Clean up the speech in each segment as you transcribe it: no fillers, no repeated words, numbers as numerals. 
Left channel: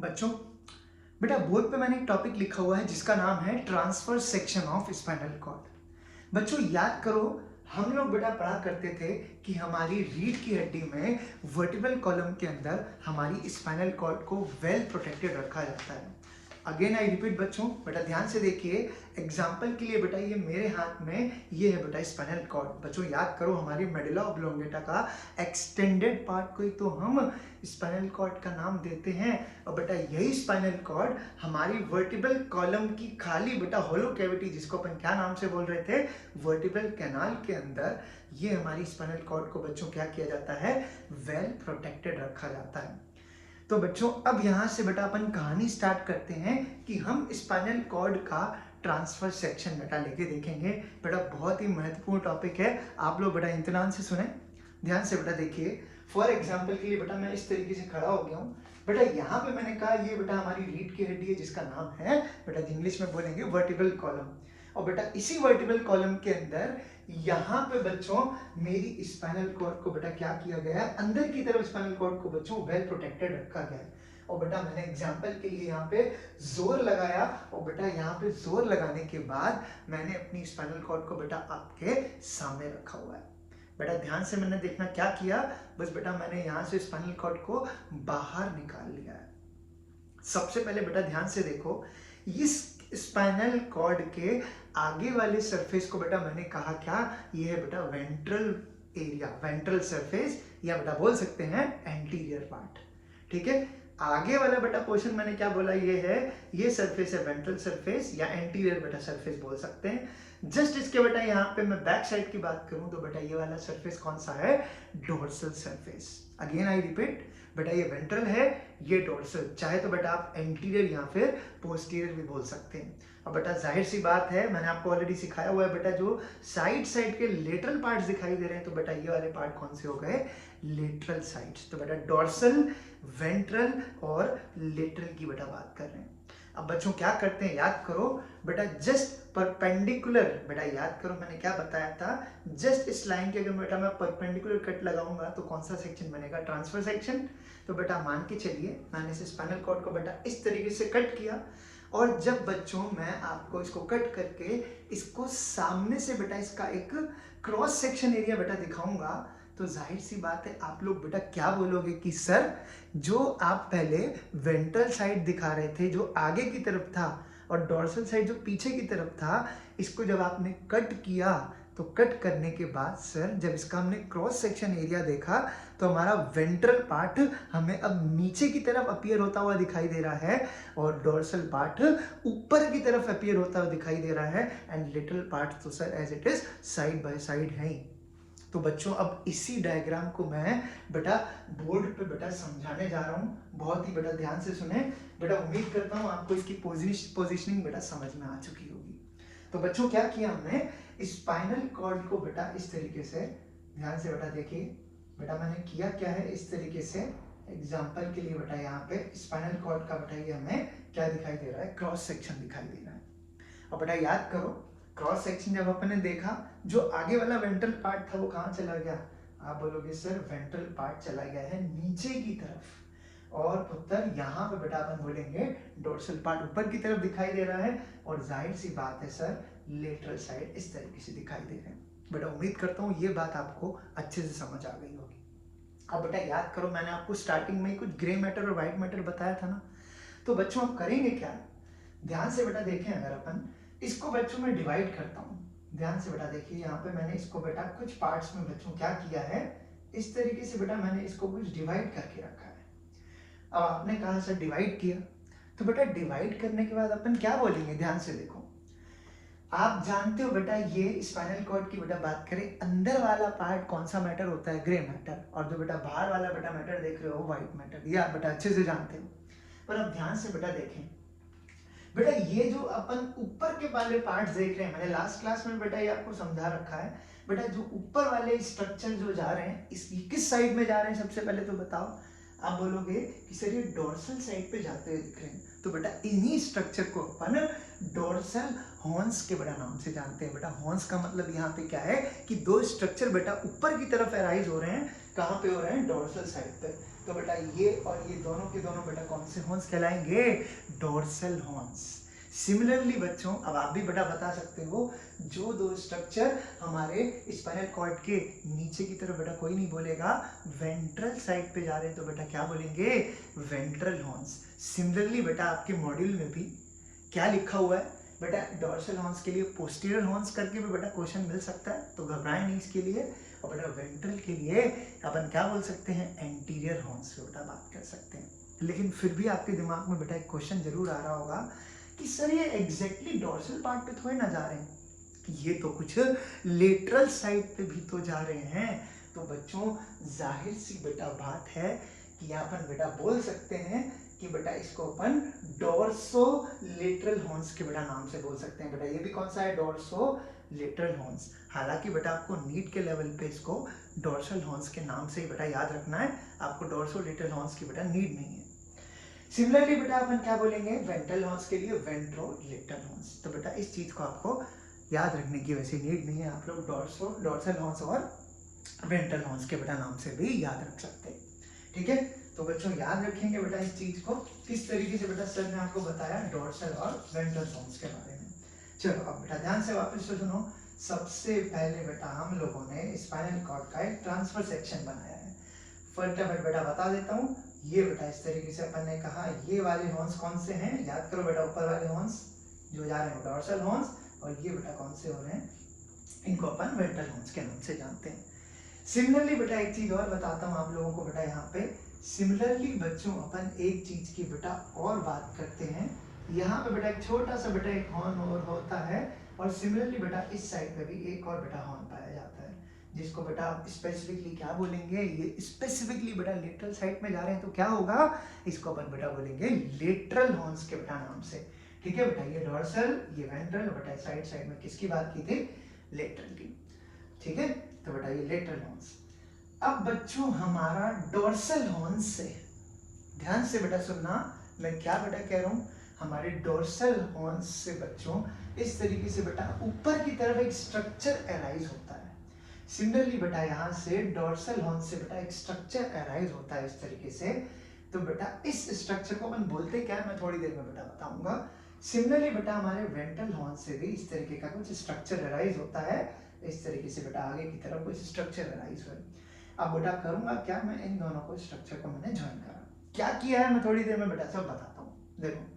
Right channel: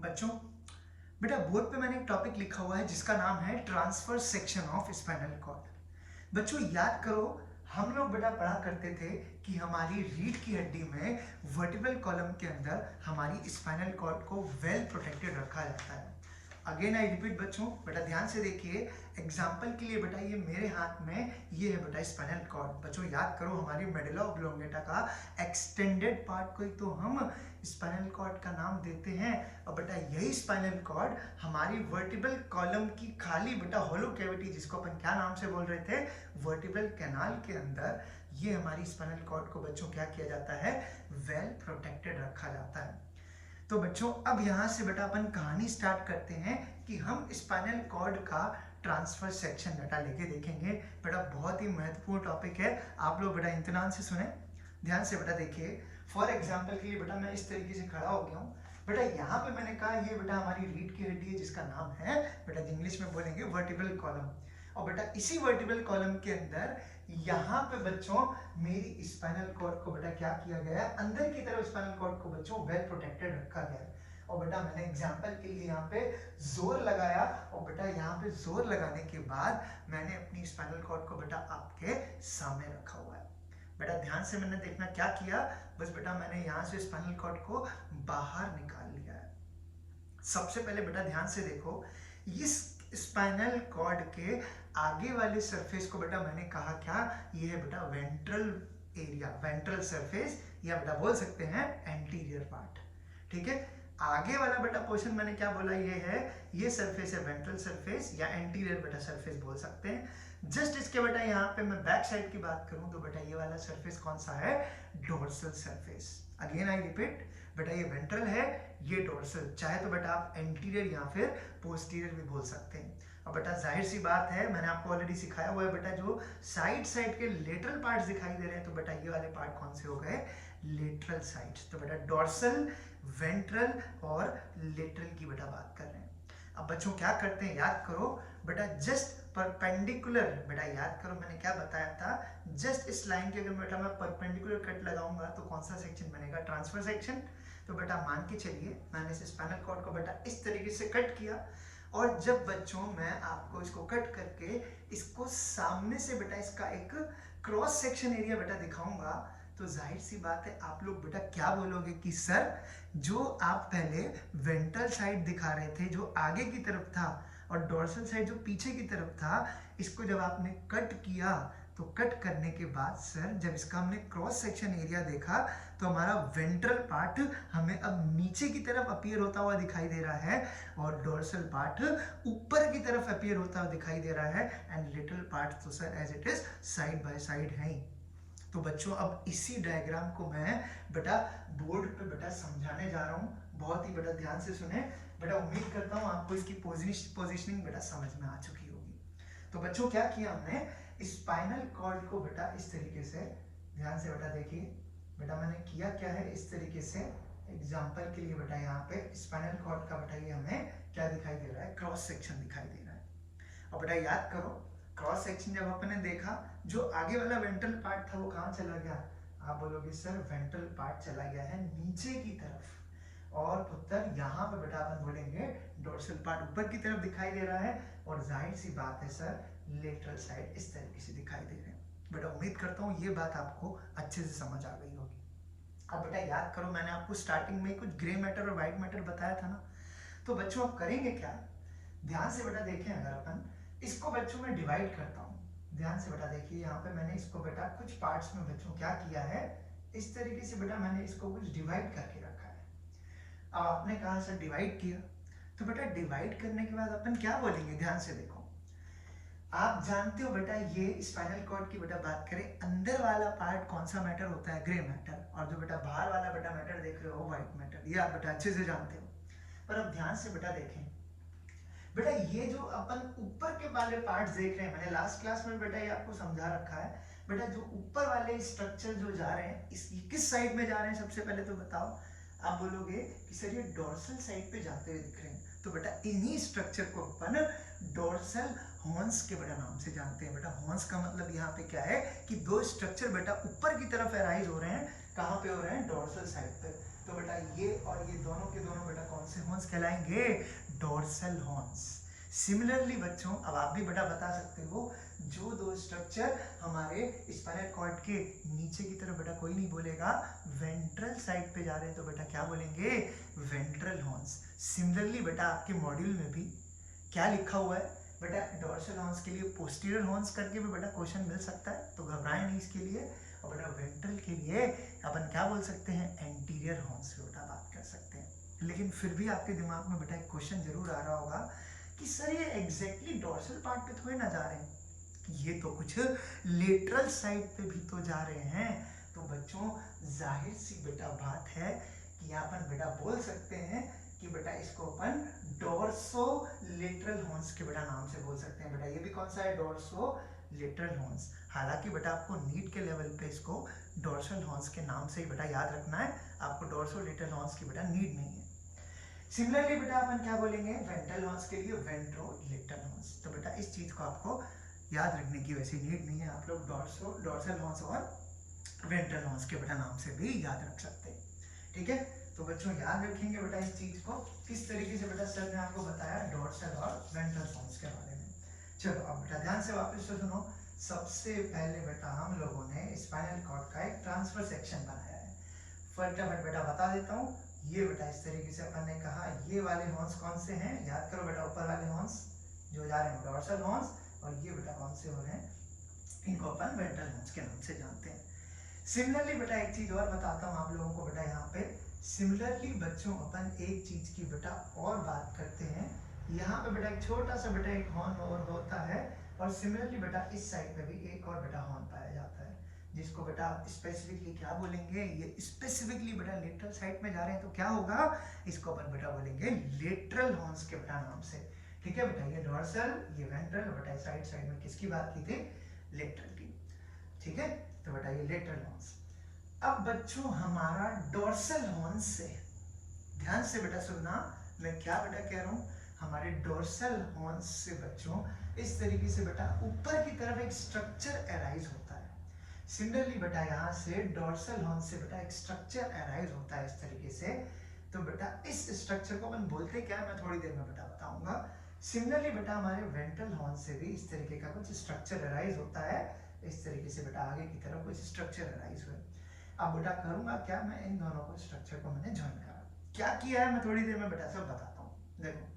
बच्चों, बेटा बोर्ड पे मैंने एक टॉपिक लिखा हुआ है जिसका नाम है transfer section of spinal cord. बच्चों याद करो, हम लोग बेटा पढ़ा करते थे कि हमारी रीढ़ की हड्डी में वर्टिब्रल कॉलम के अंदर हमारी स्पाइनल कॉर्ड को वेल प्रोटेक्टेड रखा जाता है। अगेन आई रिपीट बच्चों, बेटा ध्यान से देखिए। एग्जाम्पल के लिए बेटा ये मेरे हाथ में ये है बेटा स्पाइनल कॉर्ड। बच्चों याद करो, हमारी मेडुला ऑब्लोंगेटा का एक्सटेंडेड पार्ट को ही तो हम स्पाइनल कॉर्ड का नाम देते हैं। और बेटा यही स्पाइनल कॉर्ड हमारी वर्टिब्रल कॉलम की खाली बेटा होलो कैविटी, जिसको अपन क्या नाम से बोल रहे थे, वर्टिब्रल कैनाल के अंदर, ये हमारी स्पाइनल कॉर्ड को बच्चों क्या किया जाता है, वेल प्रोटेक्टेड रखा जाता है। तो बच्चों अब यहां से बेटा अपन कहानी स्टार्ट करते हैं कि हम स्पाइनल कॉर्ड का ट्रांसफर सेक्शन बेटा लेके देखेंगे। बेटा बहुत ही महत्वपूर्ण टॉपिक है, आप लोग बेटा इत्मीनान से सुने, ध्यान से बेटा देखिए। फॉर एग्जाम्पल के लिए बेटा मैं इस तरीके से खड़ा हो गया हूँ। बेटा यहाँ पे मैंने कहा ये बेटा हमारी रीढ़ की हड्डी है जिसका नाम है बेटा इंग्लिश में बोलेंगे वर्टिब्रल कॉलम। और बेटा इसी वर्टिब्रल कॉलम के अंदर यहाँ पे बच्चों मेरी स्पाइनल कॉर्ड को बेटा क्या किया गया है, अंदर की तरफ स्पाइनल कॉर्ड को बच्चों वेल प्रोटेक्टेड रखा गया है। और बेटा मैंने एग्जाम्पल के लिए यहाँ पे जोर लगाया, और बेटा यहाँ पे जोर लगाने के बाद मैंने अपनी स्पाइनल कॉर्ड को बेटा आपके सामने रखा हुआ है। बेटा ध्यान से मैंने देखना क्या किया, बस बेटा मैंने यहाँ से स्पाइनल कॉर्ड को बाहर निकाल लिया है। सबसे पहले बेटा ध्यान से देखो, इस स्पाइनल कॉर्ड के आगे वाले सरफेस को बेटा मैंने कहा क्या, ये है बेटा वेंट्रल एरिया, वेंट्रल सरफेस, या बेटा बोल सकते हैं एंटीरियर पार्ट। ठीक है, आगे वाला बेटा पोर्शन मैंने क्या बोला, ये है, ये सरफेस है वेंट्रल सरफेस या एंटीरियर बेटा सरफेस बोल सकते हैं। जस्ट इसके बेटा यहाँ पे मैं बैक साइड की बात करूं तो बेटा ये वाला सरफेस कौन सा है, dorsal surface. Again I repeat, बेटा ये वेंट्रल है, ये डोर्सल, चाहे तो बेटा आप एंटीरियर या फिर पोस्टीरियर भी बोल सकते हैं। अब बेटा जाहिर सी बात है, मैंने आपको ऑलरेडी सिखाया हुआ है बेटा, जो साइड साइड के लेटरल पार्ट्स दिखाई दे रहे हैं तो बेटा ये वाले पार्ट कौन से हो गए, लेटरल साइड्स। तो बेटा डोर्सल, वेंट्रल और लेटरल की बेटा बात कर रहे हैं। अब बच्चों क्या करते हैं, याद करो बेटा, जस्ट परपेंडिकुलर, बेटा याद करो मैंने क्या बताया था, जस्ट इस लाइन के अगर बेटा मैं परपेंडिकुलर कट लगाऊंगा तो कौन सा सेक्शन बनेगा, ट्रांसफर सेक्शन। तो बेटा मान के चलिए मैंने इस स्पाइनल कॉर्ड को बेटा इस तरीके से कट किया, और जब बच्चों मैं आपको इसको कट करके इसको सामने से बेटा इसका एक क्रॉस सेक्शन एरिया बेटा दिखाऊंगा, तो जाहिर सी बात है आप लोग बेटा क्या बोलोगे कि सर जो आप पहले वेंट्रल साइड दिखा रहे थे जो आगे की तरफ था, और डोर्सल साइड जो पीछे की तरफ था, इसको जब आपने कट किया तो कट करने के बाद सर जब इसका हमने क्रॉस सेक्शन एरिया देखा तो हमारा वेंट्रल पार्ट हमें अब नीचे की तरफ अपीयर होता हुआ दिखाई दे रहा है, और डोर्सल पार्ट ऊपर की तरफ अपीयर होता हुआ दिखाई दे रहा है, एंड लिटिल पार्ट तो sir as it is side by side है ही। तो बच्चों अब इसी डायग्राम को मैं बेटा बोर्ड पे बेटा समझाने जा रहा हूँ, बहुत ही बेटा ध्यान से सुने। बेटा उम्मीद करता हूँ आपको इसकी पोजीशनिंग बेटा समझ में आ चुकी होगी। तो बच्चों क्या किया हमने, स्पाइनल कॉर्ड को बेटा इस तरीके से, ध्यान से बेटा देखिए, बेटा मैंने किया क्या है, इस तरीके से एग्जाम्पल के लिए बेटा यहाँ पे स्पाइनल कॉर्ड का बेटा ये हमें क्या दिखाई दे रहा है, क्रॉस सेक्शन दिखाई दे रहा है। और बेटा याद करो, क्रॉस सेक्शन जब अपन ने देखा, जो आगे वाला वेंट्रल पार्ट था वो कहाँ चला गया, आप बोलोगे सर वेंट्रल पार्ट चला गया है नीचे की तरफ, और उत्तर यहाँ पे बेटा अपन बोलेंगे डोर्सल पार्ट ऊपर की तरफ दिखाई दे रहा है, और जाहिर सी बात है सर लेटरल साइड इस तरीके से दिखाई दे रहे हैं। बेटा उम्मीद करता हूँ ये बात आपको अच्छे से समझ आ गई होगी। अब बेटा याद करो, मैंने आपको स्टार्टिंग में कुछ ग्रे मैटर और व्हाइट मैटर बताया था ना, तो बच्चों आप करेंगे क्या, ध्यान से बेटा देखें, अगर अपन इसको बच्चों में डिवाइड करता हूँ, ध्यान से बेटा देखिए, यहाँ पे मैंने इसको बेटा कुछ पार्ट्स में बच्चों क्या किया है, इस तरीके से बेटा मैंने इसको कुछ डिवाइड करके रखा है। अब आपने कहा सर डिवाइड किया, तो बेटा डिवाइड करने के बाद अपन क्या बोलेंगे, ध्यान से देखो, आप जानते हो बेटा ये स्पाइनल कॉर्ड की बेटा बात करें, अंदर वाला पार्ट कौन सा मैटर होता है, ग्रे मैटर, और जो बेटा बाहर वाला बेटा मैटर देख रहे हो व्हाइट मैटर, ये आप बेटा अच्छे से जानते हो। पर अब ध्यान से बेटा देखें, बेटा ये जो अपन ऊपर के वाले पार्ट्स देख रहे हैं, मैंने लास्ट क्लास में बेटा ये आपको समझा रखा है, बेटा जो ऊपर वाले स्ट्रक्चर जो जा रहे हैं इस किस साइड में जा रहे हैं, सबसे पहले तो बताओ। आप बोलोगे कि सर ये डोर्सल साइड पे जाते हुए दिख रहे हैं, तो बेटा इन्हीं स्ट्रक्चर को अपन डोर्सल हॉर्न्स के बेटा नाम से जानते हैं। बेटा हॉर्न्स का मतलब यहाँ पे क्या है कि दो स्ट्रक्चर बेटा ऊपर की तरफ एराइज हो रहे हैं, कहाँ पे हो रहे हैं, डोर्सल साइड पे। तो बेटा ये और ये दोनों के दोनों बेटा कौन से हॉर्न्स कहलाएंगे? Dorsal horns. सिमिलरली बच्चों अब आप भी बेटा बता सकते हो, जो दो स्ट्रक्चर हमारे स्पाइनल कॉर्ड के नीचे की तरफ बेटा कोई नहीं बोलेगा, वेंट्रल साइड पे जा रहे हैं तो बेटा क्या बोलेंगे? Ventral horns. सिमिलरली बेटा आपके मॉड्यूल में भी क्या लिखा हुआ है बेटा? डोर्सल हॉर्न्स के लिए पोस्टीरियर हॉर्न्स करके भी बेटा क्वेश्चन मिल सकता है, तो घबराएं नहीं इसके लिए। और बेटा वेंट्रल के लिए अपन क्या बोल सकते हैं? एंटीरियर हॉर्न्स पे बेटा बात कर सकते हैं। लेकिन फिर भी आपके दिमाग में बेटा एक क्वेश्चन जरूर आ रहा होगा कि सर ये एग्जैक्टली डोर्सल पार्ट पे थोड़ी ना जा रहे हैं, ये तो कुछ लेटरल साइड पे भी तो जा रहे हैं। तो बच्चों जाहिर सी बेटा बात है कि यहाँ पर बेटा बोल सकते हैं कि बेटा इसको अपन डोर्सो लेटरल हॉर्न्स के बेटा नाम से बोल सकते हैं। बेटा ये भी कौन सा है? Dorso lateral horns. हालांकि बेटा आपको नीट के लेवल पे इसको डोर्सल हॉर्न्स के नाम से ही बेटा याद रखना है, आपको डोर्सो लेटरल हॉर्न्स की बेटा नीड नहीं है। सिमिलरली बेटा अपन क्या बोलेंगे? वेंट्रल हॉर्न्स के लिए वेंट्रो लेटरल हॉर्न्स। तो बेटा इस चीज को आपको याद रखने की वैसे नीड नहीं है, आप लोग डोर्सल हॉर्न्स और वेंट्रल हॉर्न्स के बेटा नाम से भी याद रख सकते हैं। ठीक है, तो बच्चों याद रखेंगे बेटा इस चीज को, किस तरीके से बेटा सर ने आपको बताया डोर्सल और वेंट्रल हॉर्न्स के बारे में। चलो अब बेटा ध्यान से वापस से सुनो। सबसे पहले बेटा हम लोगों ने स्पाइनल कॉर्ड का एक ट्रांसफर सेक्शन बनाया है। फटाफट बेटा बता देता हूँ। ये बेटा इस तरीके से अपन ने कहा, ये वाले हॉर्न्स कौन से हैं? याद करो बेटा, ऊपर वाले हॉर्न्स जो जा रहे हैं डोर्सल हॉर्न्स, और ये बेटा कौन से हो रहे हैं? इनको अपन वेंट्रल हॉर्न्स के नाम से जानते हैं। सिमिलरली बेटा एक चीज और बताता हूँ आप लोगों को बेटा यहाँ पे। सिमिलरली बच्चों अपन एक चीज की बेटा और बात करते हैं। यहाँ पे बेटा एक छोटा सा बेटा एक हॉर्न और होता है, और सिमिलरली बेटा इस साइड पे भी एक और बेटा हॉर्न पाया जाता है, जिसको बेटा आप स्पेसिफिकली क्या बोलेंगे? ये स्पेसिफिकली बेटा लेटरल साइड में जा रहे हैं तो क्या होगा? इसको अपन बेटा बोलेंगे लेटरल हॉर्न्स के बेटा नाम से। ठीक है बेटा, ये डोर्सल, ये वेंट्रल, बेटा साइड साइड में किसकी बात की थी? लेटरल की। ठीक है, तो बेटा ये लेटरल हॉर्न्स। अब बच्चों हमारा डोर्सल हॉर्न्स से, ध्यान से बेटा सुनना, मैं क्या बेटा कह रहा हूं? हमारे डोर्सल हॉर्न्स से बच्चों इस तरीके से बेटा ऊपर की तरफ एक स्ट्रक्चर अराइज होता है। सिमिलरली बेटा यहाँ से डोर्सल हॉर्न से बेटा एक स्ट्रक्चर अराइज होता है इस तरीके से। तो बेटा इस स्ट्रक्चर को अपन बोलते क्या है, मैं थोड़ी देर में बेटा बताऊंगा। सिमिलरली बेटा हमारे वेंट्रल हॉर्न से भी इस तरीके का कुछ स्ट्रक्चर अराइज होता है, इस तरीके से बेटा आगे की तरफ कुछ स्ट्रक्चर अराइज हुआ। अब बेटा करूंगा क्या, मैं इन दोनों को स्ट्रक्चर को मैंने ज्वाइन करा, क्या किया है मैं थोड़ी देर में बेटा सब बताता हूँ। देखो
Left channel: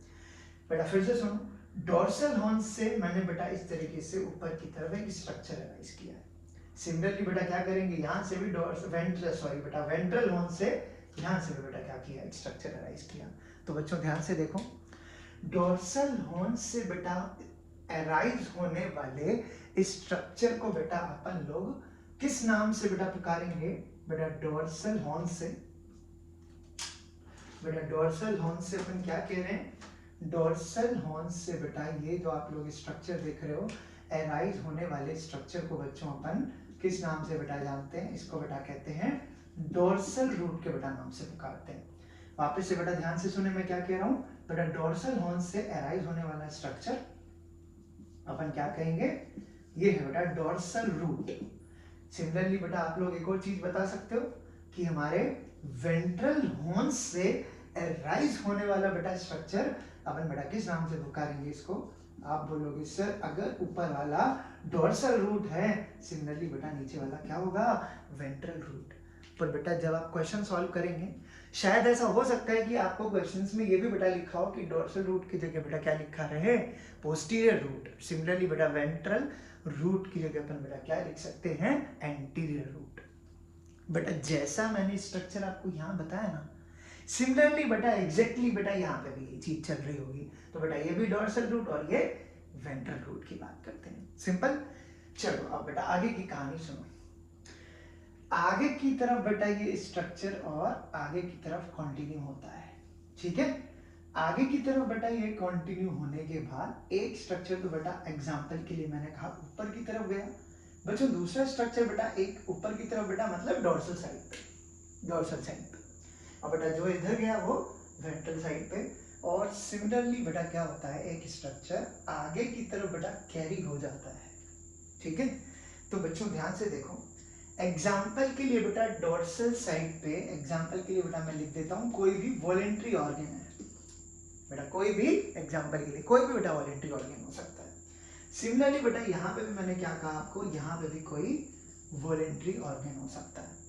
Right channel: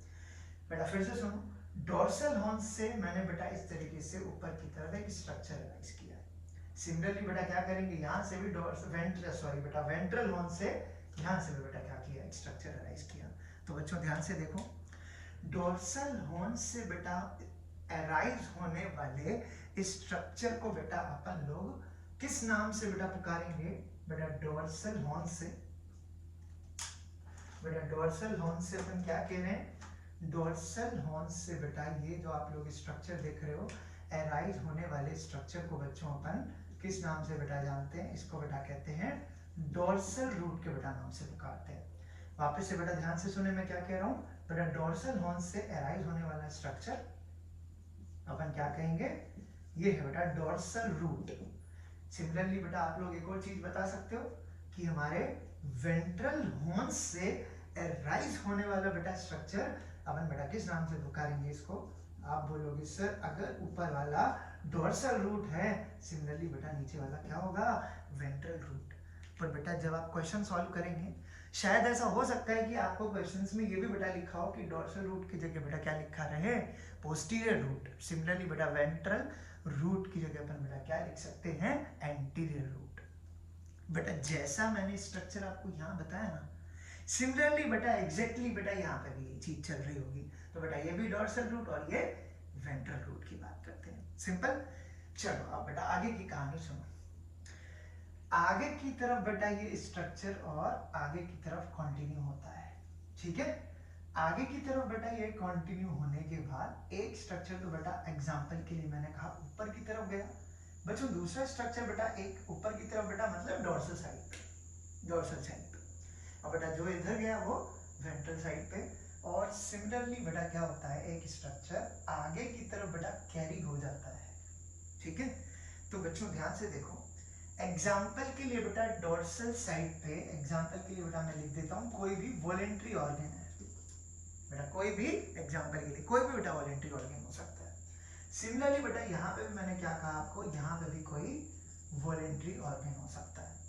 बेटा फिर से सुनो, डोर्सल हॉर्न से मैंने बेटा इस तरीके से ऊपर की तरफ एक स्ट्रक्चर अराइज किया है। सिमिलरली बेटा क्या करेंगे, यहाँ से भी वेंट्रल हॉर्न से यहाँ से भी बेटा क्या किया, एक स्ट्रक्चर अराइज किया। तो बच्चों ध्यान से देखो, डोर्सल हॉर्न से बेटा अराइज होने वाले स्ट्रक्चर को बेटा अपन लोग किस नाम से बेटा पुकारेंगे? बेटा डोर्सल हॉर्न से, बेटा डोर्सल हॉर्न से अपन क्या कह रहे हैं? डोर्सल हॉर्न से बेटा ये जो आप लोग स्ट्रक्चर देख रहे हो, अराइज होने वाले स्ट्रक्चर को बच्चों अपन किस नाम से बेटा जानते हैं? इसको बेटा कहते हैं डोर्सल रूट के बेटा नाम से पुकारते हैं। वापस से बेटा ध्यान से सुने मैं क्या कह रहा हूँ। बेटा डोर्सल हॉर्न से अराइज होने वाला स्ट्रक्चर अपन क्या कहेंगे? ये है बेटा डोर्सल रूट। सिमिलरली बेटा आप लोग एक और चीज बता सकते हो कि हमारे वेंट्रल हॉर्न से अराइज होने वाला बेटा स्ट्रक्चर अपन बेटा किस नाम से पुकारेंगे इसको? आप बोलोगे सर अगर ऊपर वाला डोर्सल रूट है, सिमिलरली बेटा नीचे वाला क्या होगा? Ventral root. पर बेटा जब आप क्वेश्चन सॉल्व करेंगे, शायद ऐसा हो सकता है कि आपको क्वेश्चंस में ये भी बेटा लिखा हो कि डोर्सल रूट की जगह बेटा क्या लिखा रहे? Posterior root. सिमिलरली बेटा वेंट्रल रूट की जगह अपन बेटा क्या लिख सकते हैं? Anterior root. बेटा जैसा मैंने स्ट्रक्चर आपको यहाँ बताया ना, सिमिलरली बेटा एग्जैक्टली बेटा यहाँ पे भी ये चीज चल रही होगी। तो बेटा ये भी डोर्सल रूट और ये वेंट्रल रूट की बात करते हैं, सिंपल। चलो अब बेटा आगे की कहानी सुनो। आगे की तरफ बेटा ये स्ट्रक्चर और आगे की तरफ कंटिन्यू होता है, ठीक है। आगे की तरफ बेटा ये कंटिन्यू होने के बाद एक स्ट्रक्चर तो बेटा एग्जांपल के लिए मैंने कहा ऊपर की तरफ गया। बच्चों दूसरा स्ट्रक्चर बेटा एक ऊपर की तरफ बेटा मतलब डोर्सल साइड पे, डोर्सल साइड पे। और बेटा जो इधर गया वो वेंट्रल साइड पे। और सिमिलरली बेटा क्या होता है, एक स्ट्रक्चर आगे की तरफ बेटा कैरी हो जाता है, ठीक है। तो बच्चों ध्यान से देखो, एग्जाम्पल के लिए बेटा डोर्सल साइड पे, एग्जाम्पल के लिए बेटा मैं लिख देता हूँ कोई भी वॉलेंट्री ऑर्गन है बेटा, कोई भी एग्जाम्पल के लिए कोई भी बेटा वॉलेंट्री ऑर्गन हो सकता है। सिमिलरली बेटा यहाँ पे भी मैंने क्या कहा आपको, यहाँ पे भी कोई वॉलेंट्री ऑर्गन हो सकता है।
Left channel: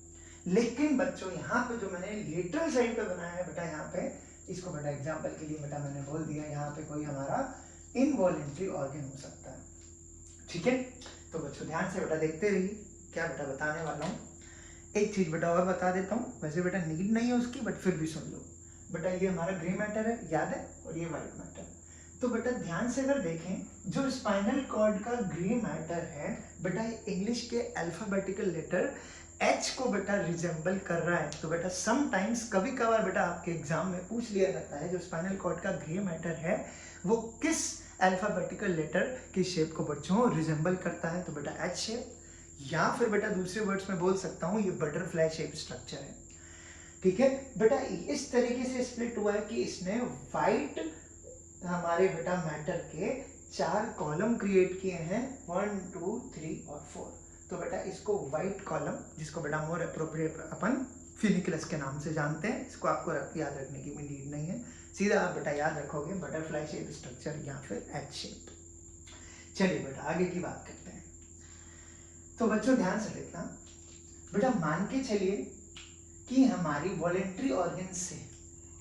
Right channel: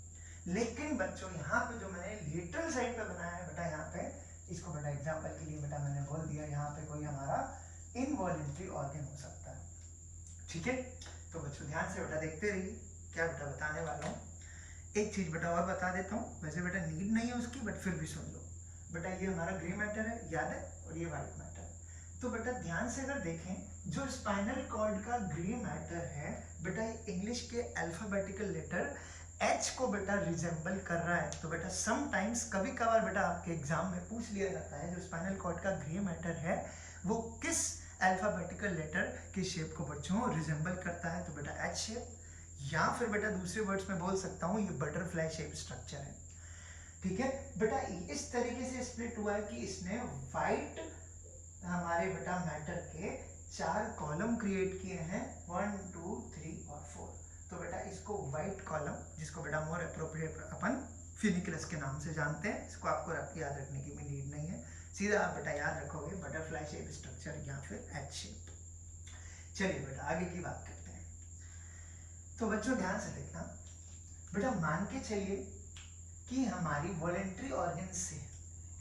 लेकिन बच्चों यहाँ पे जो मैंने लेटरल साइड पे बनाया है बेटा, यहाँ पे इसको बेटा एग्जाम्पल के लिए बेटा मैंने बोल दिया यहाँ पे कोई हमारा इनवॉलेंट्री ऑर्गन हो सकता है। ठीक है, तो बच्चों ध्यान से बेटा देखते रहिए क्या बेटा बताने वाला हूँ। एक चीज बेटा और बता देता हूँ, वैसे बेटा नीड नहीं है उसकी, बट फिर भी सुन लो बेटा। ये हमारा ग्रे मैटर है, याद है, और ये व्हाइट मैटर। तो बेटा ध्यान से अगर देखें, जो स्पाइनल कॉर्ड का ग्रे मैटर है बेटा, ये इंग्लिश के अल्फाबेटिकल लेटर H को बेटा रिजेंबल कर रहा है। तो बेटा समटाइम्स, कभी कभार बेटा आपके एग्जाम में पूछ लिया जाता है जो स्पाइनल कॉर्ड का ग्रे मैटर है वो किस अल्फाबेटिकल लेटर की शेप को बच्चों रिजेंबल करता है। तो बेटा H शेप, या फिर बेटा दूसरे वर्ड्स में बोल सकता हूँ ये बटरफ्लाई शेप स्ट्रक्चर है। ठीक है बेटा, इस तरीके से स्प्लिट हुआ है कि इसने व्हाइट हमारे बेटा मैटर के 4 कॉलम क्रिएट किए हैं, 1 2 3 और 4। तो बेटा इसको व्हाइट कॉलम, जिसको बेटा मोर अप्रोप्रिएट अपन फिनिकुलस के नाम से जानते हैं, इसको आपको याद रखने की भी नीड नहीं है, सीधा आप बेटा याद रखोगे बटरफ्लाई शेप स्ट्रक्चर या फिर H शेप। चलिए बेटा आगे की बात करते हैं। तो बच्चों ध्यान से देखना बेटा, मान के चलिए कि हमारी वॉलेंट्री ऑर्गन से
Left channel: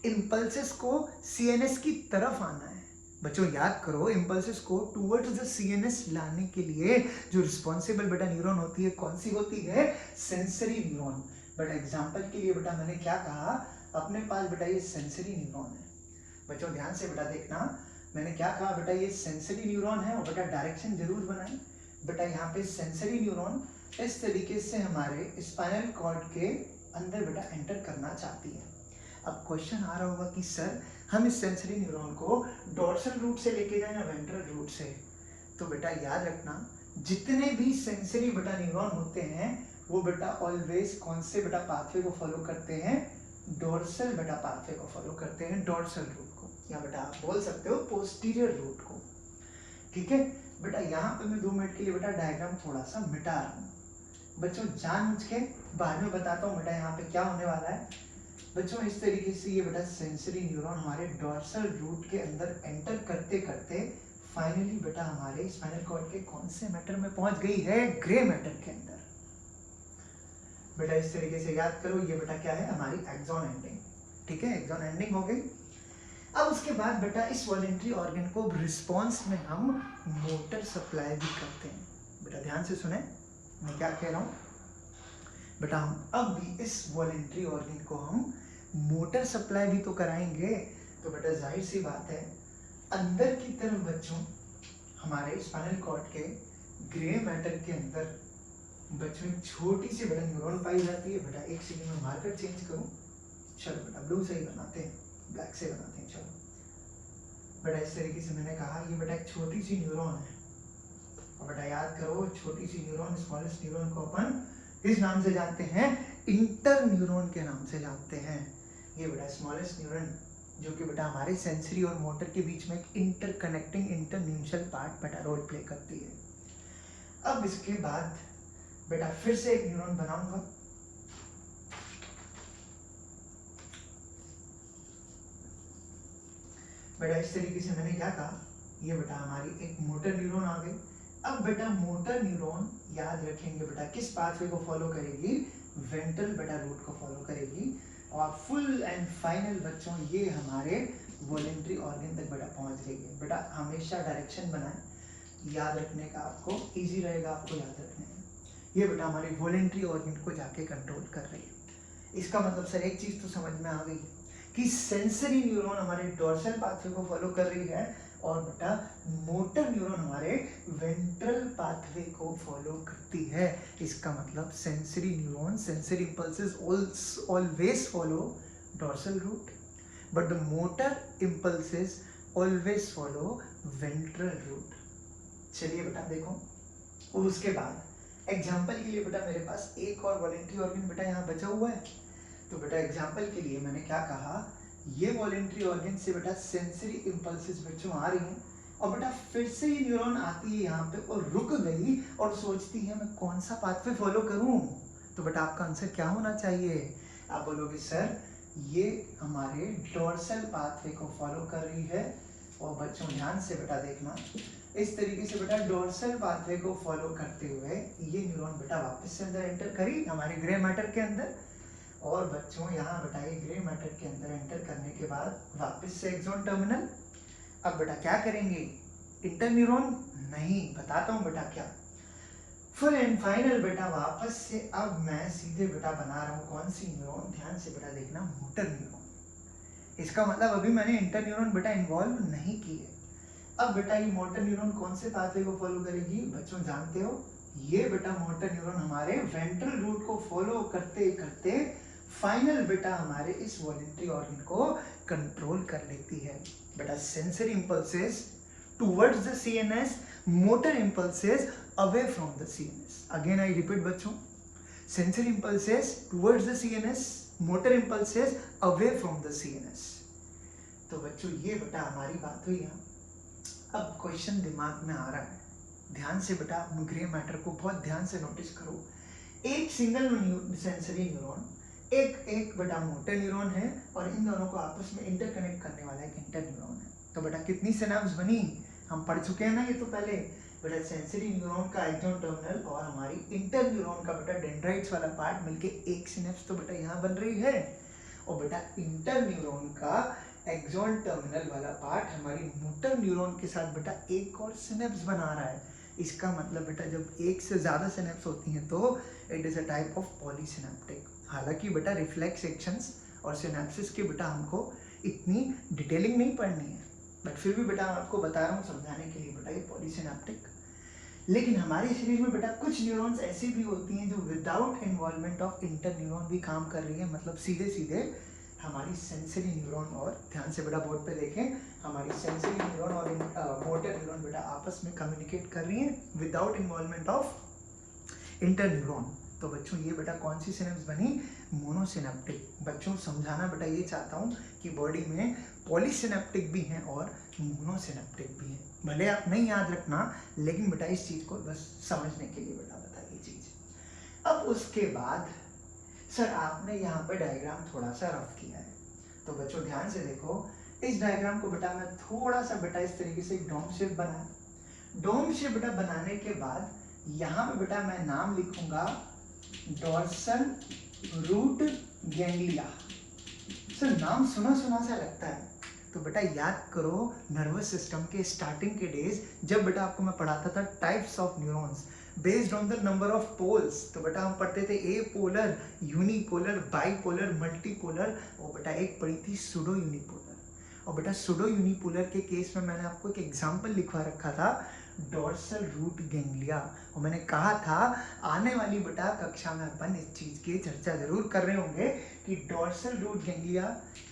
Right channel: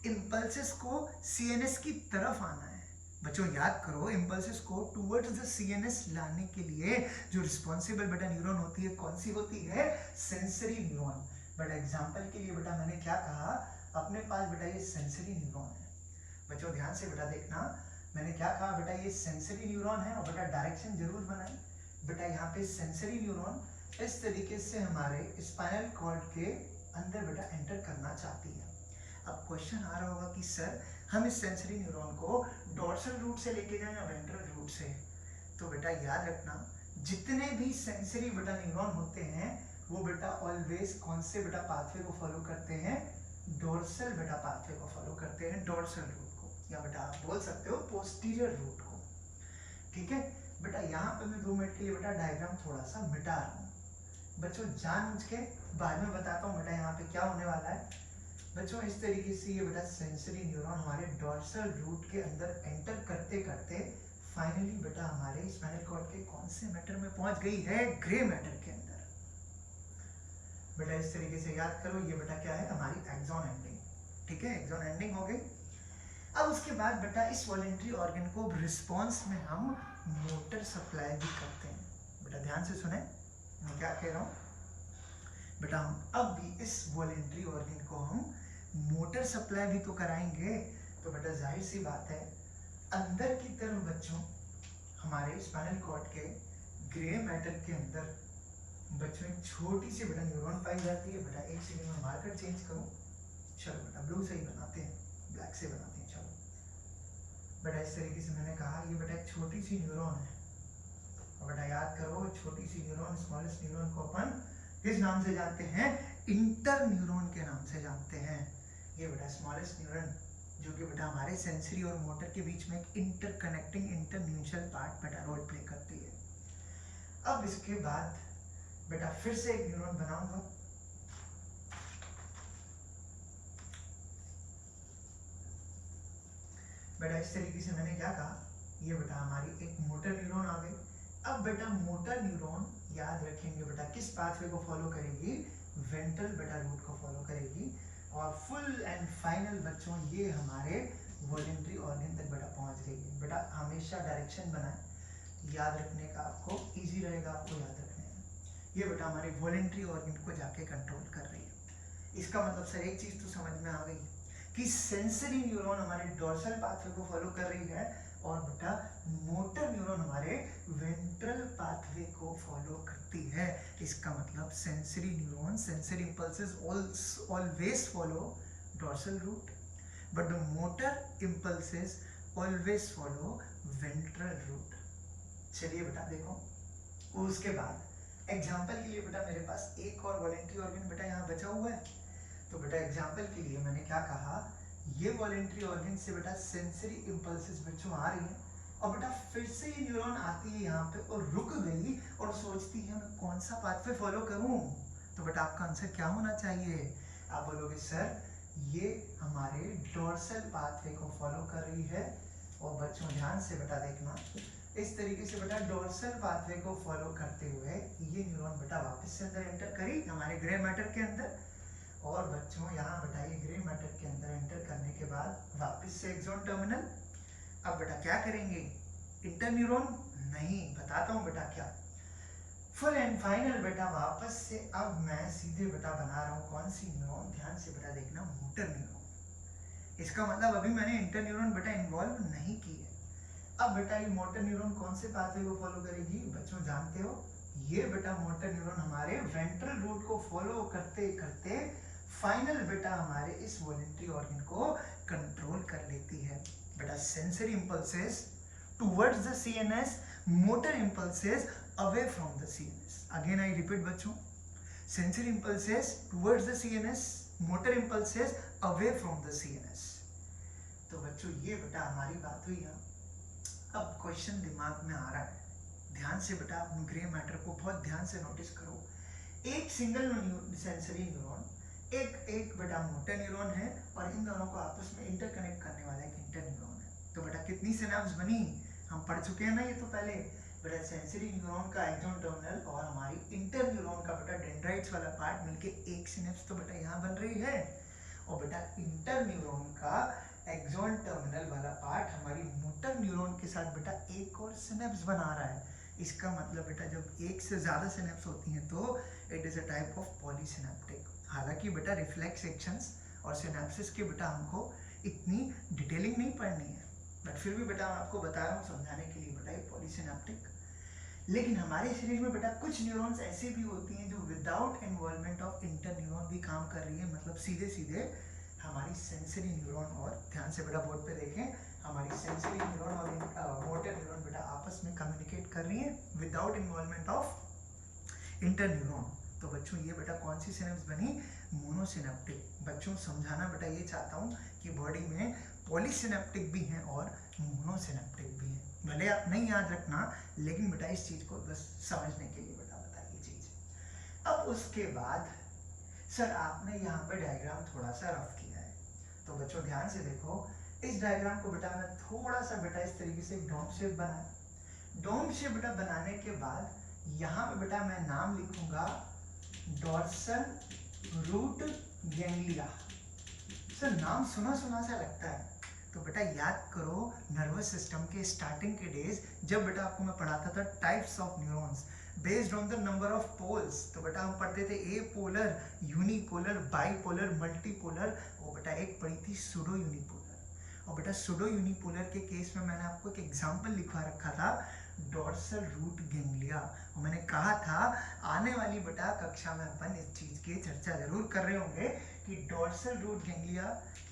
इंपल्सेस को सीएनएस की तरफ आना है। बच्चों याद करो, इंपल्सेस को टुवर्ड्स द सीएनएस लाने के लिए जो रिस्पॉन्सिबल बेटा न्यूरॉन होती है, कौन सी होती है, सेंसरी न्यूरॉन। बट एग्जांपल के लिए बेटा मैंने क्या कहा, अपने पास बेटा ये सेंसरी न्यूरॉन है। बच्चों ध्यान से बेटा देखना, मैंने क्या कहा बेटा, ये सेंसरी न्यूरॉन है, और बेटा डायरेक्शन जरूर बनाए बेटा। यहाँ पे सेंसरी न्यूरॉन इस तरीके से हमारे स्पाइनल कॉर्ड के अंदर बेटा एंटर करना चाहती है। अब क्वेश्चन आ रहा होगा कि सर हम इस सेंसरी न्यूरॉन को डोर्सल रूट से लेके जाएं या वेंट्रल रूट से। तो बेटा याद रखना, जितने भी सेंसरी बेटा न्यूरॉन होते हैं वो बेटा ऑलवेज कौन से बेटा पाथवे को फॉलो करते हैं, डोर्सल बेटा पाथवे को फॉलो करते हैं, डोर्सल रूट को, या बेटा आप बोल सकते हो पोस्टीरियर रूट को। ठीक है बेटा, यहाँ पे मैं 2 मिनट के लिए बेटा डायग्राम थोड़ा सा मिटा रहा हूँ बच्चों, जानबूझ के, बाद में बताता हूँ बेटा यहाँ पे क्या होने वाला है। बच्चों इस तरीके से ये बेटा सेंसरी न्यूरॉन हमारे डोर्सल रूट के अंदर एंटर करते करते फाइनली बेटा हमारे स्पाइनल कॉर्ड के कौन से मैटर में पहुंच गई है, ग्रे मैटर के अंदर। बेटा इस तरीके से याद करो, ये बेटा क्या है, हमारी एक्सॉन एंडिंग। ठीक है, एक्सॉन एंडिंग हो गई। अब उसके बाद बेटा इस वॉलेंट्री ऑर्गन को रिस्पॉन्स में हम मोटर सप्लाई भी करते हैं। बेटा ध्यान से सुने मैं क्या कह रहा हूँ बेटा, हम अब भी इस वॉलेंट्री ऑर्गन को हम मोटर सप्लाई भी तो कराएंगे। तो बेटा जाहिर सी बात है, अंदर की तरफ बच्चों हमारे स्पाइनल कॉर्ड के ग्रे मैटर के अंदर बच्चों छोटी सी बेटा न्यूरॉन पाई जाती है। बेटा एक सेकंड में मार्कर चेंज करूं, चलो बेटा ब्लू से ही बनाते हैं, ब्लैक से बनाते हैं। चलो बेटा इस तरीके से मैंने कहा ये बेटा एक छोटी सी न्यूरॉन है, और बेटा याद करो छोटी सी न्यूरॉन, स्मॉलेस्ट न्यूरॉन को अपन किस नाम से जानते हैं, इंटर न्यूरॉन के नाम से जानते हैं। ये बेटा स्मॉलेस्ट न्यूरॉन जो कि बेटा हमारे सेंसरी और मोटर के बीच में एक इंटरकनेक्टिंग इंटरन्यूशल पार्ट बेटा रोल प्ले करती है। अब इसके बाद बेटा फिर से एक न्यूरॉन बनाऊंगा, बेटा इस तरीके से मैंने क्या कहा, ये बेटा हमारी एक मोटर न्यूरॉन आ गई। अब बेटा मोटर न्यूरॉन याद रखेंगे बेटा किस पाथवे को फॉलो करेगी, वेंट्रल बेटा रूट को फॉलो करेगी, और फुल एंड फाइनल बच्चों ये हमारे वॉलेंट्री ऑर्गन तक बेटा पहुंच रही है। बेटा हमेशा डायरेक्शन बनाएं, याद रखने का आपको इजी रहेगा, आपको याद रखने में। ये बेटा हमारे वॉलेंट्री ऑर्गन को जाके कंट्रोल कर रही है। इसका मतलब सर एक चीज तो समझ में आ गई कि सेंसरी न्यूरॉन हमारे डोर्सल पाथवे को फॉलो कर रही है, और बेटा मोटर न्यूरॉन हमारे वेंट्रल पाथवे को फॉलो करती है। इसका मतलब sensory neuron, sensory impulses always follow dorsal root, but the motor impulses always follow ventral root. चलिए बेटा देखो, और उसके बाद एग्जाम्पल के लिए बेटा मेरे पास एक और वॉलेंट्री ऑर्गन बेटा यहाँ बचा हुआ है। तो बेटा एग्जाम्पल के लिए मैंने क्या कहा, ये वॉलेंट्री ऑर्गन से बेटा सेंसरी इंपल्सेस बच्चों आ रही हैं, और बेटा फिर से ये न्यूरॉन आती है यहाँ पे और रुक गई और सोचती है मैं कौन सा पाथवे फॉलो करूं। तो बेटा आपका आंसर क्या होना चाहिए? आप बोलोगे सर ये हमारे डोर्सल पाथवे को फॉलो कर रही है। और बच्चों ध्यान से बेटा देखना, इस तरीके से बेटा डोर्सल पाथवे को फॉलो करते हुए ये न्यूरॉन बेटा वापस से अंदर एंटर करी हमारे ग्रे मैटर के अंदर। और बच्चों यहाँ बेटा ये ग्रे मैटर के अंदर एंटर करने के बाद वापस से एक्सॉन टर्मिनल। अब बेटा क्या करेंगे? इंटरन्यूरॉन नहीं, बताता हूँ बेटा क्या। फुल एंड फाइनल बेटा वापस से अब मैं सीधे बेटा बना रहा हूँ कौन सी न्यूरॉन? ध्यान से बेटा देखना, मोटर न्यूरॉन। इसका मतलब अभी मैंने इंटरन्यूरॉन बेटा इन्वॉल्व नहीं की है। अब बेटा ये मोटर न्यूरॉन कौन से पाथवे को फॉलो करेगी? बच्चों जानते हो, ये बेटा मोटर न्यूरॉन हमारे वेंट्रल रूट को फॉलो करते करते फाइनल बेटा हमारे इस वॉलेंट्री ऑर्गन को कंट्रोल कर लेती है। बेटा sensory impulses towards the CNS, motor impulses away from the CNS. Again I repeat बच्चों, sensory impulses towards the CNS, motor impulses away from the CNS. तो बच्चों ये बेटा हमारी बात हुई यहाँ। अब क्वेश्चन दिमाग में आ रहा है, ध्यान से बेटा आप ग्रे मैटर को बहुत ध्यान से नोटिस करो। एक सिंगल सेंसरी न्यूरॉन, एक बेटा मोटर न्यूरॉन है और इन दोनों को आपस में इंटरकनेक्ट करने वाला एक इंटर न्यूरॉन है। तो बेटा कितनी सिनेप्स बनी? हम पढ़ चुके हैं ना ये तो पहले। बेटा सेंसरी न्यूरॉन का एक्सॉन टर्मिनल और हमारी इंटर न्यूरॉन का बेटा डेंड्राइट्स वाला पार्ट मिलके एक सिनेप्स तो बेटा यहाँ बन रही है। और बेटा इंटर न्यूरॉन का एक्सॉन टर्मिनल वाला पार्ट हमारी मोटर न्यूरॉन के साथ बेटा एक और सिनेप्स बना रहा है। इसका मतलब बेटा जब एक से ज्यादा सिनेप्स होती हैं तो it is a type of polysynaptic. हालांकि बेटा रिफ्लेक्स एक्शंस और सिनेप्सिस के बेटा हमको इतनी डिटेलिंग नहीं पढ़नी है, बट फिर भी बेटा आपको बता रहा हूँ समझाने के लिए बेटा ये पॉलीसिनेप्टिक। लेकिन हमारे शरीर में बेटा कुछ न्यूरॉन्स ऐसी भी होती हैं जो without involvement of inter neuron भी काम कर रही है, मतलब सीधे सीधे हमारी सेंसरी न्यूरॉन और ध्यान से बेटा बोर्ड पे देखें, हमारी सेंसरी न्यूरॉन और मोटर न्यूरॉन बेटा आपस में कम्युनिकेट कर रही हैं without involvement of inter neuron. तो बच्चों ये बेटा कौन सी सिनेप्स बनी? मोनोसिनेप्टिक। बच्चों समझाना बेटा ये चाहता हूँ कि बॉडी में पॉलीसिनेप्टिक भी हैं और मोनोसिनेप्टिक भी हैं। भले आप नहीं याद रखना, लेकिन बेटा इस चीज को बस समझने के लिए बेटा बताइए चीज। अब उसके बाद सर आपने यहाँ पे डायग्राम थोड़ा सा रफ किया है, तो बच्चों ध्यान से देखो, इस डायग्राम को बेटा मैं थोड़ा सा बेटा इस तरीके से डोम शेप बनाया। डोम शेप बेटा बनाने के बाद यहाँ पे बेटा मैं नाम लिखूंगा डोर्सल रूट गैंग्लिया। सर नाम सुना सुना सा लगता है, तो बेटा याद करो नर्वस सिस्टम के स्टार्टिंग के डेज जब बेटा आपको मैं पढ़ाता था types of neurons based on the number of poles. तो बेटा हम पढ़ते थे apolar, unipolar, bipolar, multipolar, और बेटा एक पढ़ी थी सूडो यूनिपोलर। और बेटा सूडो यूनिपोलर के केस में मैंने आपको एक एग्जांपल लिखवा रखा था डोर्सल रूट गैंग्लिया, और मैंने कहा था आने वाली बेटा कक्षा में अपन इस चीज की चर्चा जरूर कर रहे होंगे कि डोर्सल रूट गैंग्लिया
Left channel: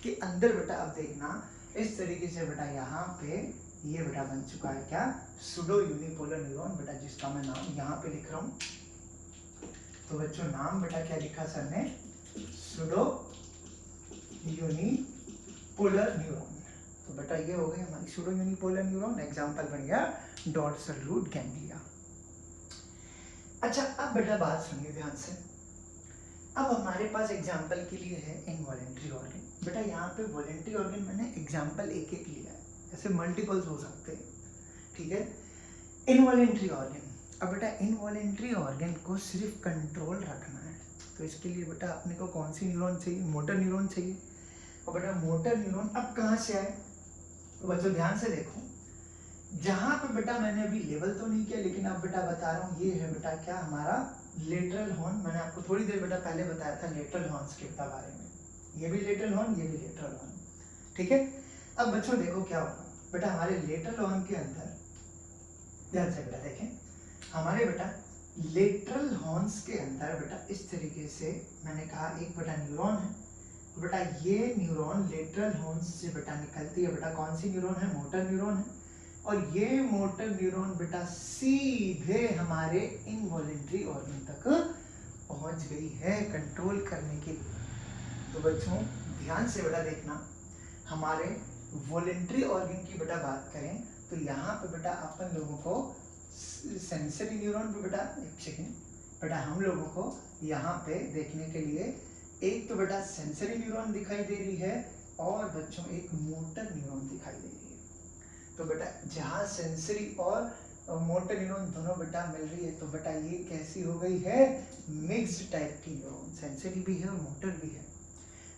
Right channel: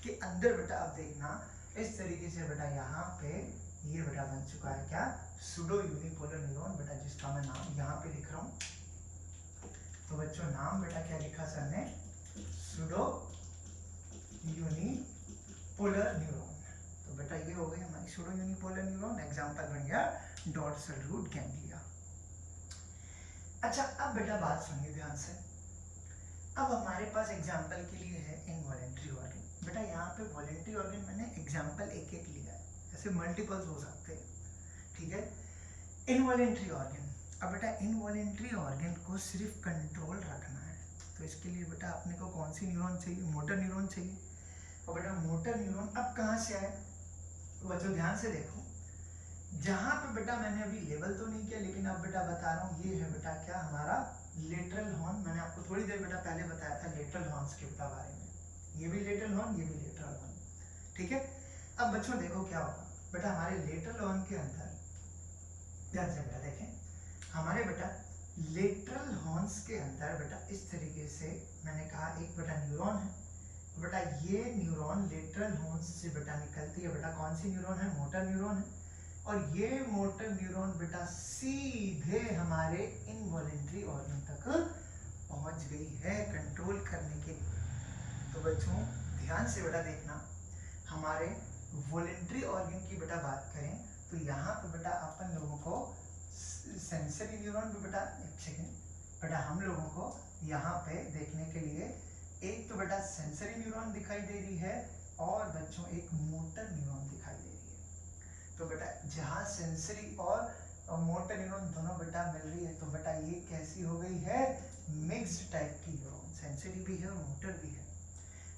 के अंदर बेटा अब देखना इस तरीके से बेटा यहाँ पे ये बेटा बन चुका है क्या? सूडो यूनिपोलर न्यूरॉन बेटा, जिसका मैं नाम यहाँ पे लिख रहा हूँ। तो बच्चों नाम बेटा क्या लिखा सर ने? Pseudo unipolar neuron. तो बेटा ये हो गई हमारी सूडो यूनिपोलर न्यूरॉन, एग्जांपल बन गया डोर्सल रूट गैंग्लिया। अच्छा अब बेटा बात सुनिए ध्यान से। अब हमारे पास एग्जांपल के लिए है इनवॉलेंट्री ऑर्गन। बेटा यहाँ पे वॉलेंट्री ऑर्गन मैंने एग्जांपल एक एक लिया है, ऐसे मल्टीपल्स हो सकते हैं, ठीक है। इनवॉलेंट्री ऑर्गन, अब बेटा इनवॉलेंट्री ऑर्गन को सिर्फ कंट्रोल रखना है, तो इसके लिए बेटा अपने को कौन सी न्यूरॉन चाहिए? मोटर न्यूरॉन चाहिए। और बेटा मोटर न्यूरॉन अब कहाँ से आए? तो बच्चों ध्यान से देखो, जहां पे बेटा मैंने अभी लेवल तो नहीं किया, लेकिन अब बेटा बता रहा हूँ, ये है बेटा क्या हमारा लेटरल हॉर्न। मैंने आपको थोड़ी देर बेटा पहले बताया था लेटरल हॉर्न्स के बारे में, ये भी लेटरल हॉर्न, ये भी लेटरल हॉर्न, ठीक है। अब बच्चों देखो क्या होगा बेटा, हमारे लेटरल हॉर्न के अंदर ध्यान से बेटा देखें, हमारे बेटा लेटरल हॉर्न्स के अंदर बेटा इस तरीके से मैंने कहा एक बेटा न्यूरॉन है। बेटा ये न्यूरॉन लेटरल हॉर्न्स से बेटा निकलती है, बेटा कौन सी न्यूरॉन है? मोटर न्यूरॉन है। और ये मोटर न्यूरॉन बेटा सीधे हमारे इनवॉलेंट्री ऑर्गन तक पहुंच गई है कंट्रोल करने के लिए। तो बच्चों ध्यान से बेटा देखना, हमारे वॉलेंट्री ऑर्गन की बेटा बात करें तो यहाँ पे बेटा अपन लोगों को सेंसरी न्यूरॉन पे बेटा एक सेकेंड बेटा हम लोगों को यहाँ पे देखने के लिए एक तो बेटा सेंसरी न्यूरॉन दिखाई दे रही है और बच्चों एक मोटर न्यूरॉन दिखाई दे रही है। तो बेटा जहाँ सेंसरी और मोटर न्यूरॉन दोनों बेटा मिल रही है तो बेटा ये कैसी हो गई है, मिक्स्ड टाइप की न्यूरॉन, सेंसरी भी है और मोटर भी है।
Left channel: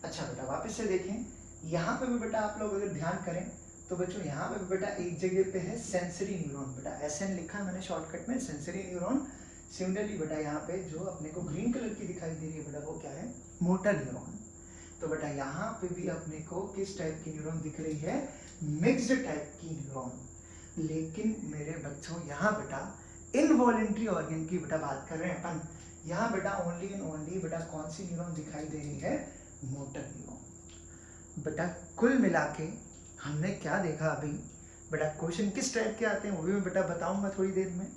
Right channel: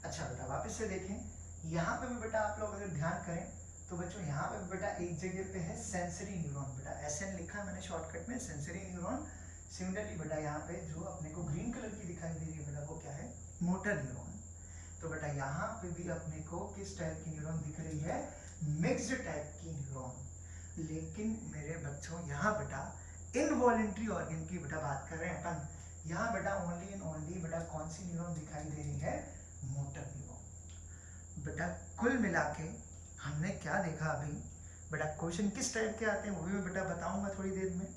अच्छा बेटा वापस से देखें, यहाँ पे भी बेटा आप लोग अगर ध्यान करें तो बच्चों यहाँ पे भी बेटा एक जगह पे है सेंसरी न्यूरॉन, बेटा SN लिखा है मैंने शॉर्टकट में, सेंसरी न्यूरॉन। सिमिलरली बेटा यहाँ पे जो अपने को ग्रीन कलर की दिखाई दे रही है बेटा वो क्या है, मोटर न्यूरॉन। तो बेटा यहाँ पे भी अपने को किस टाइप की न्यूरॉन दिख रही है, मिक्स्ड टाइप की न्यूरॉन। लेकिन मेरे बच्चों यहाँ बेटा इनवॉलेंट्री ऑर्गन की बेटा बात कर रहे हैं अपन, यहाँ बेटा ओनली एंड ओनली बेटा कौन सी न्यूरॉन दिखाई दे रही है, मोटर न्यूरॉन। बेटा कुल मिला के हमने क्या देखा अभी, बेटा क्वेश्चन किस टाइप के आते हैं वो भी मैं बेटा बताऊंगा थोड़ी देर में।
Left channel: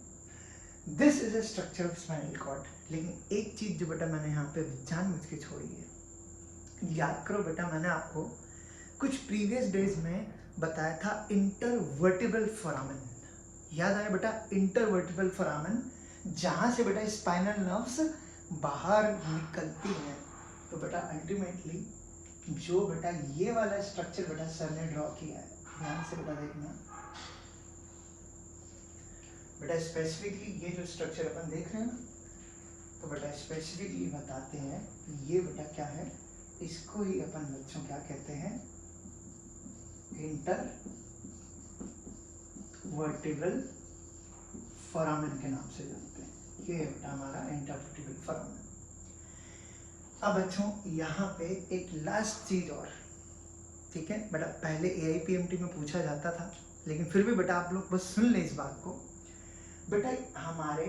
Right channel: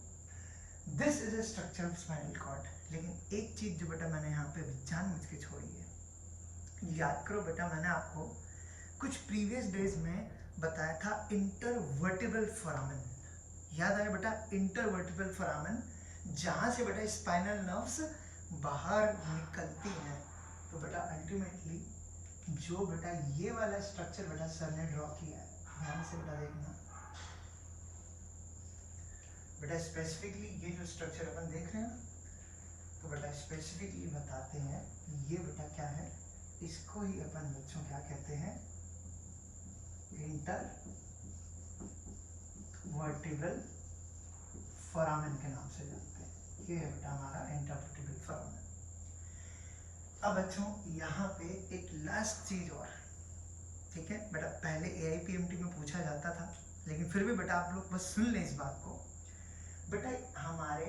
This is a structure of spinal cord. लेकिन एक चीज जो बेटा मैंने यहाँ पे जानबूझ के छोड़ी है, याद करो बेटा मैंने आपको कुछ प्रीवियस डेज में बताया था इंटरवर्टिब्रल फोरामेन, याद आया बेटा, इंटरवर्टिब्रल फोरामेन, जहां से बेटा स्पाइनल नर्व्स बाहर निकलती हैं। तो बेटा अल्टीमेटली जो बेटा ये वाला स्ट्रक्चर बेटा सर ने ड्रॉ किया है, ध्यान से बेटा देखना बेटा, स्पेसिफिकली ये जो स्ट्रक्चर अपन देख रहे हैं तो बेटा स्पेसिफिकली बताते हैं ये बेटा क्या है, इसको ही अपन बच्चों क्या कहते हैं, इंटर वर्टिब्रल फोरामेन के नाम से जानते हैं। ये है बेटा हमारा इंटरवर्टिब्रल फोरामेन। अब बच्चों यहाँ पे एक लास्ट चीज और, ठीक है बेटा, पहले AIPMT में पूछा जाता था लेकिन फिर भी बेटा आप लोग बस सुन ले इस बात को। बेटा हमारे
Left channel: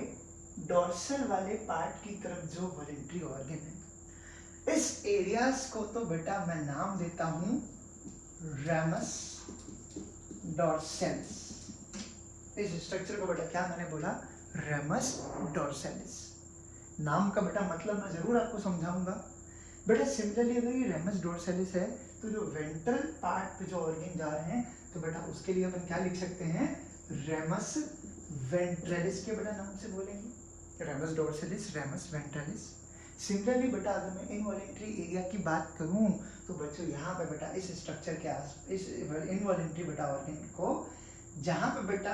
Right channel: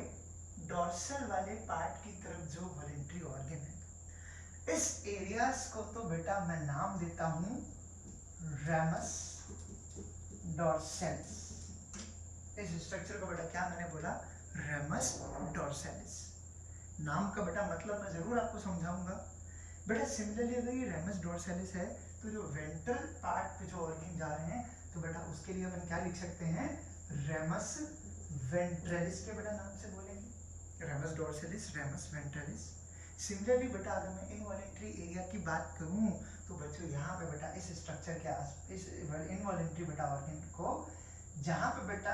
डोर्सल वाले पार्ट की तरफ जो वॉलेंट्री ऑर्गन है, इस एरियाज को तो बेटा मैं नाम देता हूं रेमस डोर्सेलिस। इस स्ट्रक्चर को बेटा क्या मैंने बोला, रेमस डोर्सेलिस। नाम का बेटा मतलब मैं जरूर आपको समझाऊंगा। बेटा सिमिलरली अगर ये रेमस डोर्सेलिस है तो जो वेंट्रल पार्ट पे जो ऑर्गन जा रहे हैं तो बेटा उसके लिए अपन क्या लिख सकते हैं, रेमस वेंट्रलिस के बेटा नाम से बोलेंगे, रेमस डोर्सेलिस, रेमस वेंट्रलिस। सिमिलरली बेटा अगर मैं इनवॉलेंट्री एरिया की बात करूं तो बच्चों यहाँ पे बेटा इस स्ट्रक्चर के आस, इस इनवॉलेंट्री बेटा ऑर्गन को जहाँ पे बेटा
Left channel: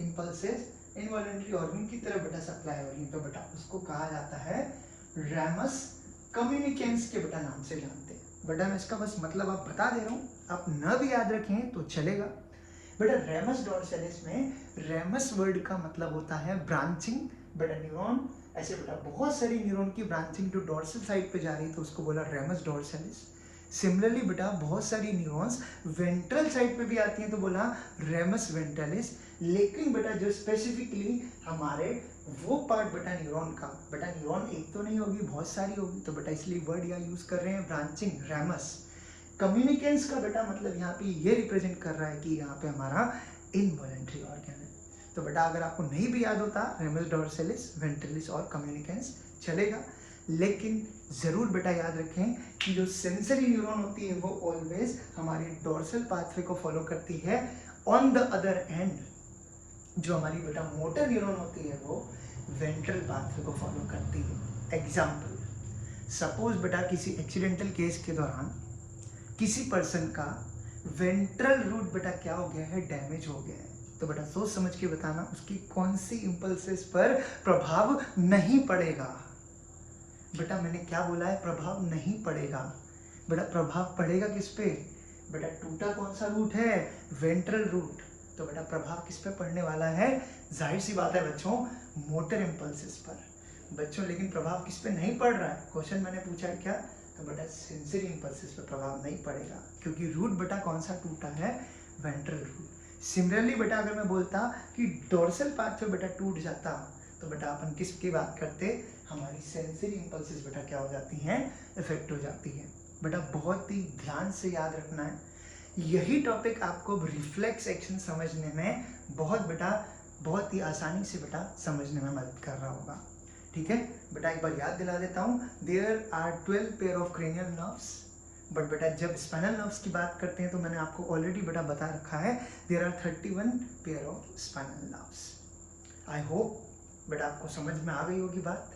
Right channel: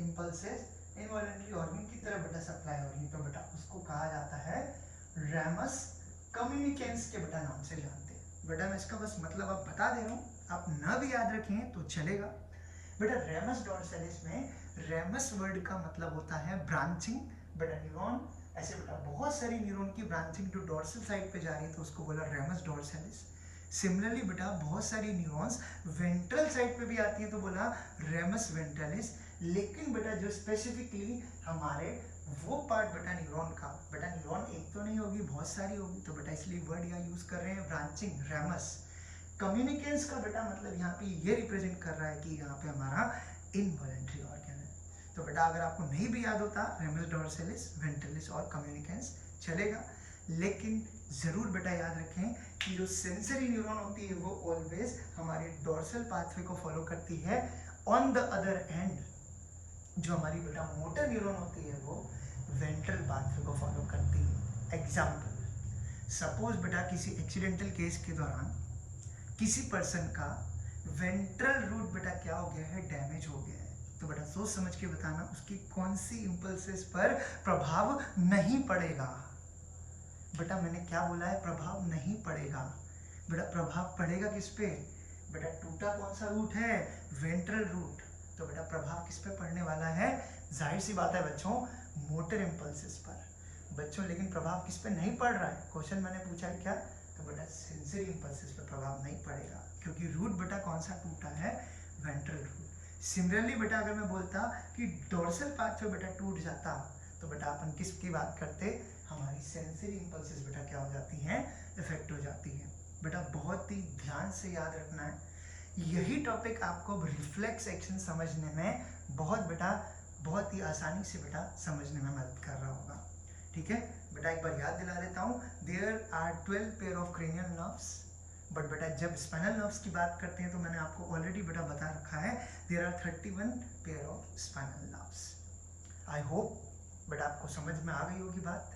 इंपल्सेस इनवॉलेंट्री ऑर्गन की तरफ बेटा सप्लाई हो रही है तो बेटा उसको कहा जाता है रेमस कम्युनिकेंस के बेटा नाम से जानते हैं। बेटा मैं इसका बस मतलब आप बता दे रहा हूँ, आप न भी याद रखें तो चलेगा। बेटा रेमस डोर्सेलिस में रेमस वर्ड का मतलब होता है ब्रांचिंग, बेटा न्यूरॉन, ऐसे बेटा बहुत सारी न्यूरॉन की ब्रांचिंग जो डोर्सल साइड पे जा रही है तो उसको बोला रेमस डोर्सेलिस। सिमिलरली बेटा बहुत सारी न्यूरॉन्स वेंट्रल साइड पे भी आती हैं तो बोला रेमस वेंट्रलिस। लेकिन बेटा जो स्पेसिफिकली हमारे वो पार्ट बेटा न्यूरॉन का, बेटा न्यूरॉन एक तो नहीं होगी बहुत सारी होगी तो बेटा इसलिए वर्ड यहाँ यूज कर रहे हैं ब्रांचिंग, रेमस। कम्युनिकेंस का बेटा मतलब यहाँ पे ये रिप्रेजेंट कर रहा है कि यहाँ पे हमारा इनवॉलेंट्री ऑर्गन है। तो बेटा अगर आपको नहीं भी याद होता रेमस डोर्सेलिस, वेंट्रलिस और कम्युनिकेंस चलेगा, लेकिन जरूर बेटा याद रखें कि जो सेंसरी न्यूरॉन होती है वो ऑलवेज हमारी डोर्सल पाथवे को फॉलो करती है। ऑन द अदर एंड जो हमारी बेटा मोटर न्यूरॉन होती है वो वेंट्रल पाथवे को फॉलो करती है। एग्जाम्पल, सपोज बेटा किसी एक्सीडेंटल केस के दौरान किसी पर्सन का वेंट्रल रूट बेटा क्या हो गया है, डैमेज हो गया है, तो बेटा सोच समझ के बताना उसकी कौन सी इंपल्सेस पर प्रभाव नहीं पड़ेगा। बेटा मैंने क्या बोला है, प्रभाव नहीं पड़ेगा। बेटा प्रभाव पड़ेगा किस पे, बेटा टूटा कौन सा रूट है, वेंट्रल रूट, तो बेटा प्रभाव किस पे पड़ने वाला है, जाहिर सी बात है बच्चों मोटर इंपल्सेस पर। बच्चों लेकिन प्रभाव किस पे नहीं पड़ रहा है, क्वेश्चन मैंने पूछा है क्या, तो बेटा सेंसरी इंपल्सेस पे प्रभाव नहीं पड़ेगा क्योंकि रूट बेटा कौन सा टूटा है, वेंट्रल रूट। सिमिलरली बेटा अगर मैं बोलता कि डोर्सल पार्ट पे बेटा टूट जाता तो बेटा अपन किसकी बात करते, हमारी सेंसरी इंपल्सेस बेटा क्या हो जाती हैं, इफेक्ट हो जाती है। बेटा बहुत ही ध्यान से याद रखना है, यही टॉपिक आपको रिफ्लेक्स एक्शन समझने में बहुत ही आसानी से बेटा समझने में मदद कर रहा होगा। ठीक है बेटा, एक बार याद दिला देता हूँ, there are 12 pair of cranial nerves, but बेटा जब स्पाइनल नर्व्स की बात करते हैं तो मैंने आपको ऑलरेडी बेटा बता रखा है there are 31 pair of spinal nerves. I hope बेटा आपको समझ में आ गई होगी बात।